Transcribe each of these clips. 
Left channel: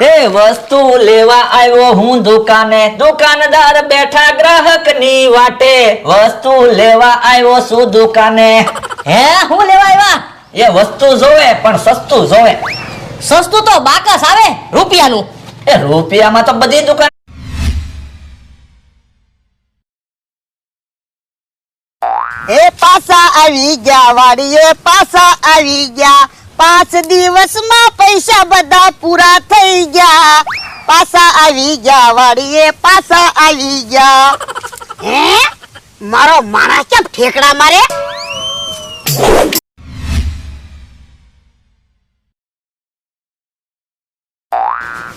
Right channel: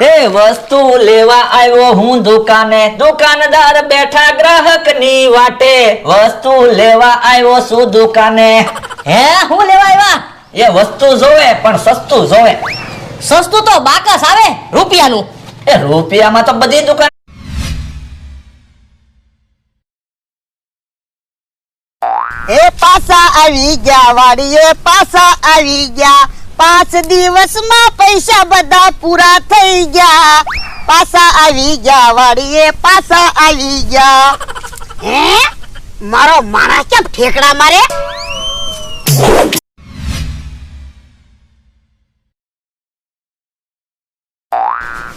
એ વસ્તુ લેવા આવ્યો હું દુકાને, દુકાનદાર બેઠા ગ્રાહકની વાટે. વસ્તુ લેવા આવ્યો છું દુકાને. હે હું લેવા આવ્યા? એ વસ્તુ જોવે પણ સસ્તું જોવે. સસ્તું તો બાકસ આવે રૂપિયાનું. એ રૂપિયામાં તો બધી દુકાન. એ પાછા આવી ગયા વાડીએ પાછા આવી ગયા. 5 દિવસમાં પૈસા બધા પૂરા થઈ ગયા. પાછા આવી ગયા વાડીએ પાછા આવી ગયા. હે મારો માણસ કેમ ઠેકડા મારે?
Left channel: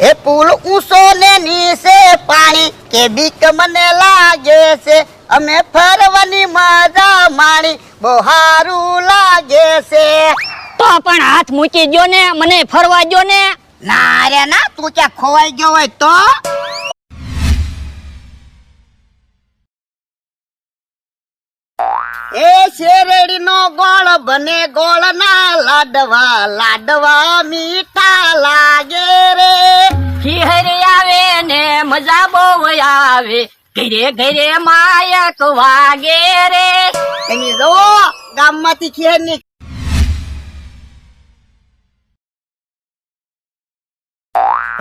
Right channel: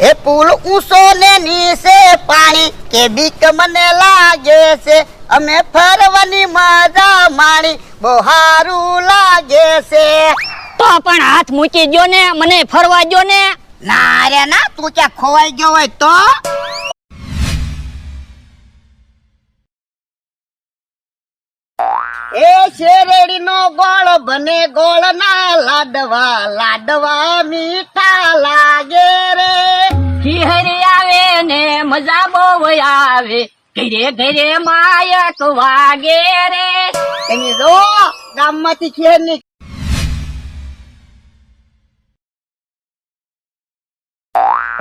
એ પુલ ઊંચો ને નીચે પાણી કે બીક મને લાગે છે. અમે ફરવાની મજા માણી બહુ સારું લાગે છે. તો પણ હાથ મૂકી દ્યો ને, મને ફરવા દ્યો ને. ના રે ના, તું ક્યાં ખોવાઈ ગયો હોય તો? એ શેરડીનો ગોળ બને ગોળ ના લાડવા, લાડવા મીઠા લાગે રે. ખીહરી આવે ને મજા બહુ આવે, ઘરે ઘરે માયક વાગે રે. તમે જો ગામમાંથી ખેર ની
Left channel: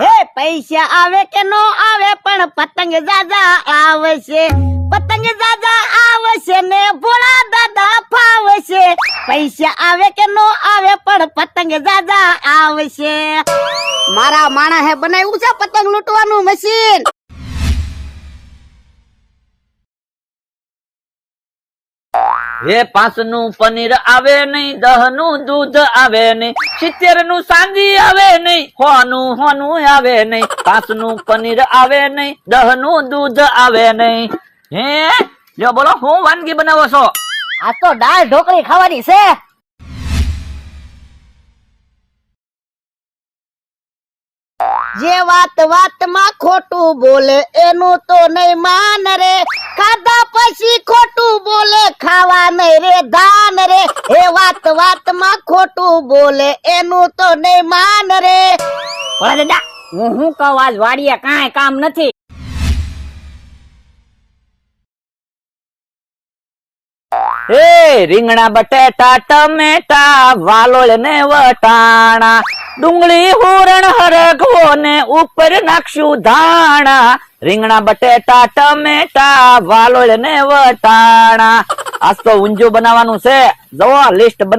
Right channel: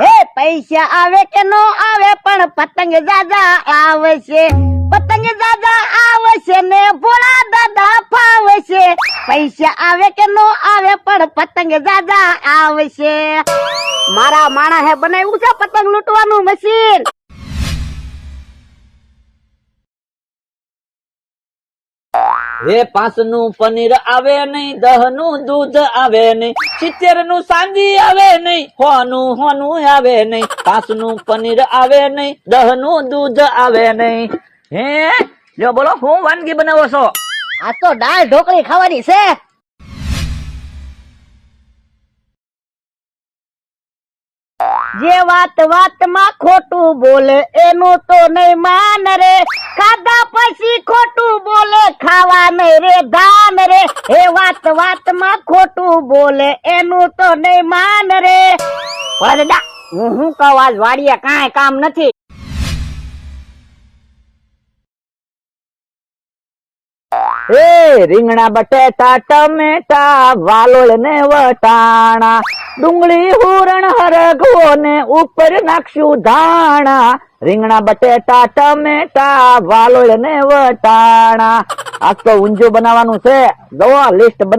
હે પૈસા આવે કે નો આવે પણ પતંગ દાદા આવે છે. પતંગ દાદા આવે છે ને ભોળા દાદા ફાવે છે. પૈસા આવે કે નો આવે પણ પતંગ દાદા આવે છે. મારા માણસે બનાવ્યું છે પતંગ લૂંટવાનું મશીન. એ 5 નું પનીર આવે નહીં, 10 નું દૂધ આવે નહીં, 70 નું સાંજી આવે નહીં, 100 નું હોનું આવે નહીં. 5 નું પનીર આવે નહીં, 10 નું દૂધ આવે નહીં. હે લ્યો બોલો, હું વાનગી બનાવો છો? આ તો દાળ ઢોકળી ખાવાની છે. જે વાત વાતમાં ખોટું બોલે એનું તો નહીં માન રે. ખાધા પછી ખોટું બોલે ખાવા નહીં રે ધાન રે. એ વાત વાતમાં ખોટું બોલે એનું તો નહીં માન રે. ઓલા દાદા, હું કહું આજ વાડીએ કાંઈ કામ નથી. એ રીંગણા બટેટા ટમેટા વાલોળ ને વટાણા, ડુંગળી હુરણ હરગો ને ઉપર નાખશું ધાણા. રીંગણા બટેટા ટમેટા વાલોળ ને વટાણા. આજ તો ઊંધિયું બનાવવાનું છે, જુઓ લિસ્ટ